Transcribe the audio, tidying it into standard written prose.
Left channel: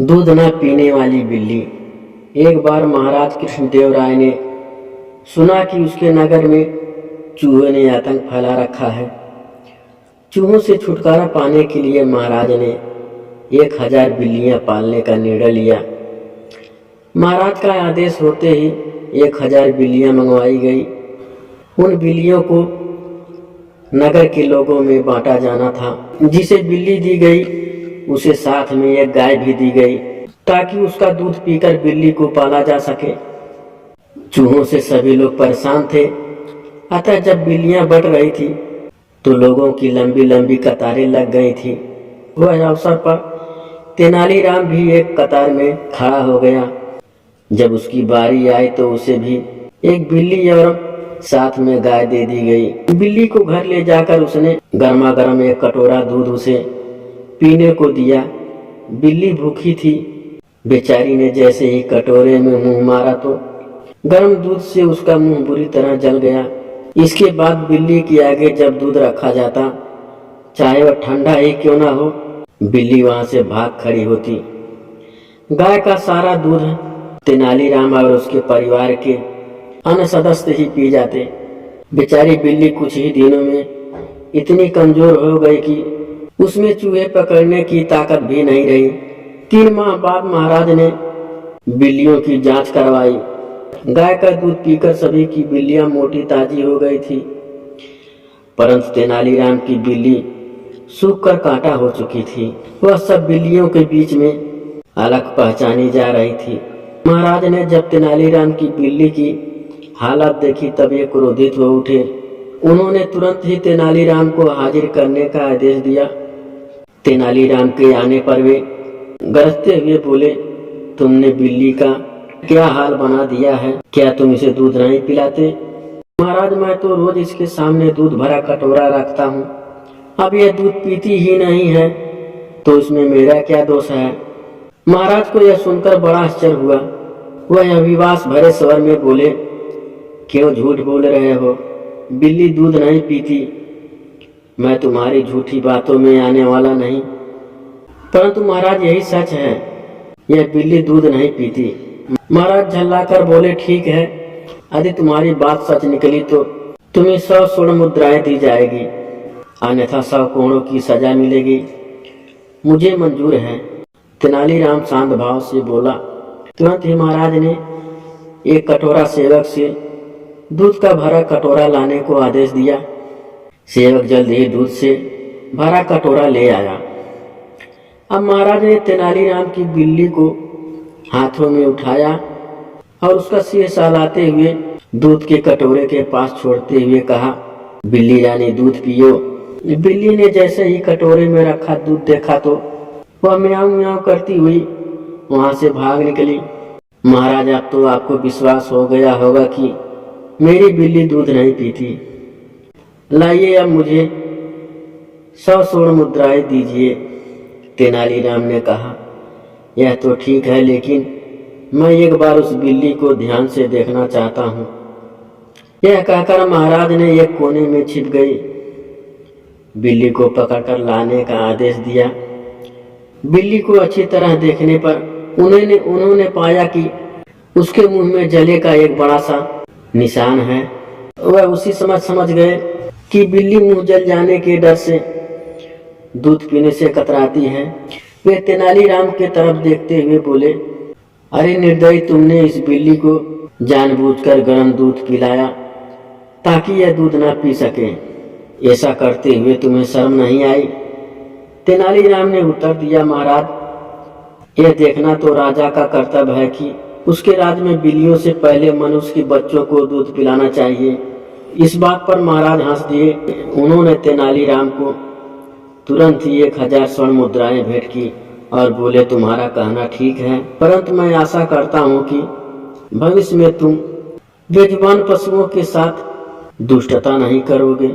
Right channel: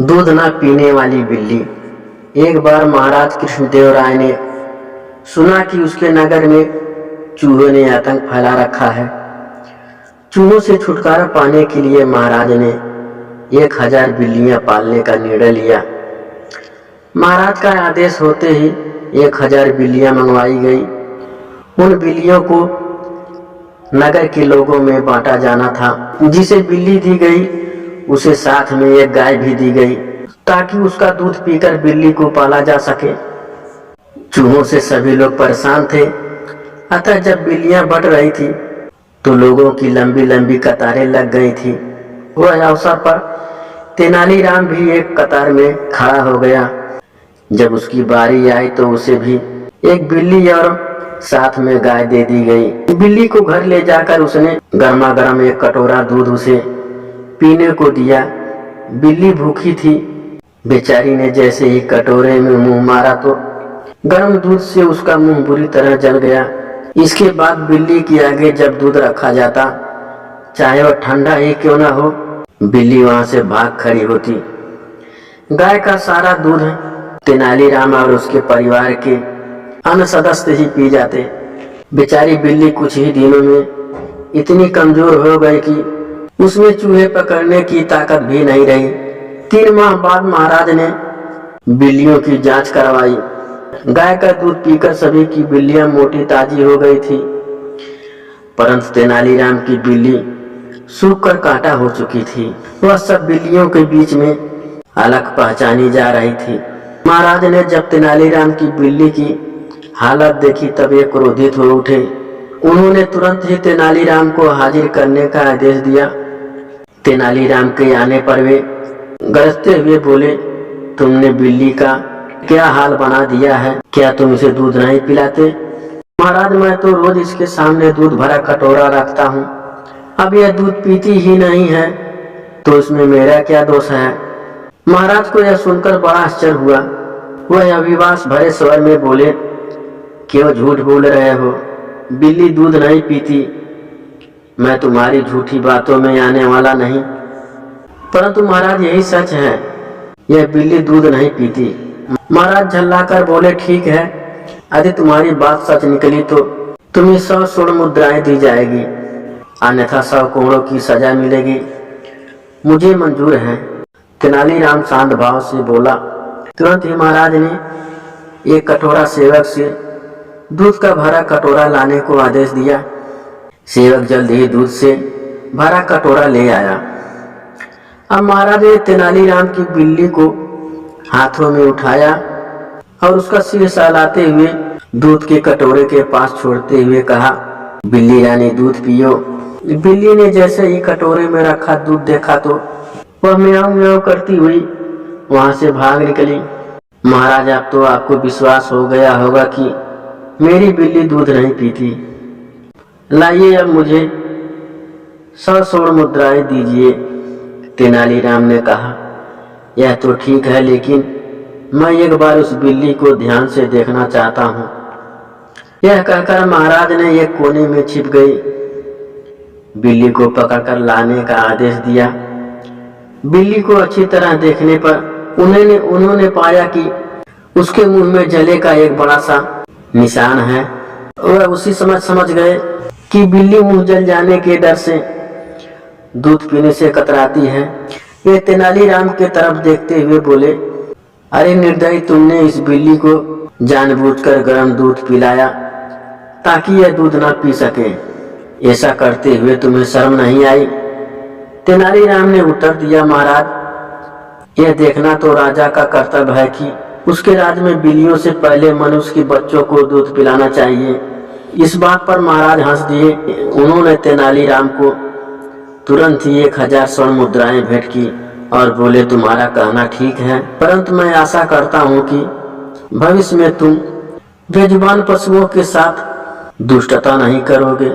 दूध न पीने वाली बिल्ली। एक बार महाराज कृष्णदेव राय ने सुना कि उसके नगर में चूहों ने आतंक फैला रखा है। चूहों से छुटकारा पाने के लिए महाराज ने 1000 बिल्लियां पालने का निर्णय लिया। महाराज का आदेश होते ही 1000 बिल्लियां मंगवाई गई। उन बिल्लियों को नगर के लोगों में बांटा जाना था। जिसे बिल्ली दी गई उसे साथ में एक गाय भी दी गई ताकि उसका दूध पीकर बिल्ली को पाला जा सके। चूहों से सभी लोग परेशान थे, अतः जब बिल्लियां बढ़ रही थी तो लोगों की लंबी लंबी कतारें लग गई थी। वह अवसर पर तेनालीराम भी एक कतार में खड़ा हो गया। जब उसकी बारी आई तो उसे भी एक बिल्ली और साथ में गाय दे दी गई। बिल्ली को घर ले जाकर उसने गर्मा गर्म एक कटोरा दूध उसे पीने को दिया। बिल्ली भूखी थी। बेचारी ने जैसे ही कटोरे में मुंह मारा तो गर्म दूध से उसका मुंह बुरी तरह जल गया। इसके बाद बिल्ली के आगे जब दूध रखा जाता, चाहे वह ठंडा ही क्यों ना हो, बिल्ली वहां से भाग खड़ी होती। गाय का सारा दूध तेनालीराम और उसके परिवार के अन्य सदस्य ही पी जाते। बेचारी बिल्ली कुछ ही दिनों में इतनी कमजोर हो गई कि उसमें चूहे पकड़ने की ताकत भी नहीं रही। 3 माह बाद महाराज ने बिल्लियों की जांच करवाई। गाय का दूध पीकर सभी की बिल्लियां मोटी ताजी हो गई थी, परंतु तेनालीराम की बिल्ली सूख कर कांटा हो चुकी थी। वह सब बिल्लियों के बीच में अलग पहचानी जा रही थी। महाराज ने जब तेनालीराम की बिल्ली की हालत देखी तब ये क्रोधित हो उठे। उन्होंने तुरंत ही तेनालीराम को हाजिर करने का आदेश दिया। तेनालीराम के आने पर वे गरजते हुए बोले, तुमने बिल्ली का क्या हाल बना दिया है? क्या तुम इसे दूध नहीं पिलाते? महाराज, मैं तो रोज इसके सामने दूध भरा कटोरा रखता हूँ। अब यह दूध पीती ही नहीं है तो इसमें मेरा क्या दोष है? महाराज को यह सुनकर बड़ा आश्चर्य हुआ। वह अविश्वास भरे स्वर में बोले, क्यों झूठ बोल रहे हो? बिल्ली दूध नहीं पीती। मैं तुम्हारी झूठी बातों में आने वाला नहीं। परंतु महाराज, यही सच है, यह बिल्ली दूध नहीं पीती। महाराज झल्लाकर बोले, ठीक है, यदि तुम्हारी बात सच निकली तो तुम्हें 100 स्वर्ण मुद्राएं दी जाएगी, अन्यथा 100 कोड़ों की सजा मिलेगी। मुझे मंजूर है। तेनालीराम शांत भाव से बोला। तुरंत ही महाराज ने एक कटोरा सेवक से दूध का भरा कटोरा लाने को आदेश दिया। सेवक जल्द ही दूध से भरा कटोरा ले आया। अब महाराज ने तेनालीराम की बिल्ली को हाथों में उठाया और उसका सिर सहलाते हुए दूध के कटोरे के पास छोड़ते हुए कहा, बिल्ली रानी दूध पियो। बिल्ली ने जैसे ही कटोरे में रखा दूध देखा तो वह म्याऊं म्याऊं करती हुई वहां से भाग निकली। महाराज, अब तो आपको विश्वास हो गया होगा कि मेरी बिल्ली दूध नहीं पीती। लाइए, अब मुझे 100 स्वर्ण मुद्राएं दीजिए। तेनालीराम ने कहा, यह तो ठीक है, लेकिन मैं एक बार उस बिल्ली को ध्यान से देखना चाहता हूँ। यह कहकर महाराज ने एक कोने में छिप गई बिल्ली को पकड़कर लाने का आदेश दिया। बिल्ली को अच्छी तरह देखने पर उन्होंने पाया कि उसके मुंह में जले का एक बड़ा सा निशान है। वह उसी समझ गए कि बिल्ली मुंह जल जाने के डर से दूध पीने से कतराती है। वे तेनालीराम के तरफ देखते हुए बोले, अरे निर्दयी, तुमने इस बिल्ली को जानबूझकर गर्म दूध पिलाया ताकि यह दूध ना पी सके। ऐसा करते हुए तुम्हें शर्म नहीं आई? तेनालीराम ने उत्तर दिया, महाराज, यह देखना तो राजा का कर्तव्य है कि उसके राज्य में बिल्लियों से पहले मनुष्य के बच्चों को दूध पिलाना चाहिए। इस बात पर महाराज हंस दिए। उन्होंने तेनालीराम को तुरंत ही 1000 स्वर्ण मुद्राएं भेंट की और बोले, तुम्हारा कहना ठीक है, परंतु मैं आशा करता हूँ कि भविष्य में तुम बेजुबान पशुओं के साथ दुष्टता नहीं करोगे।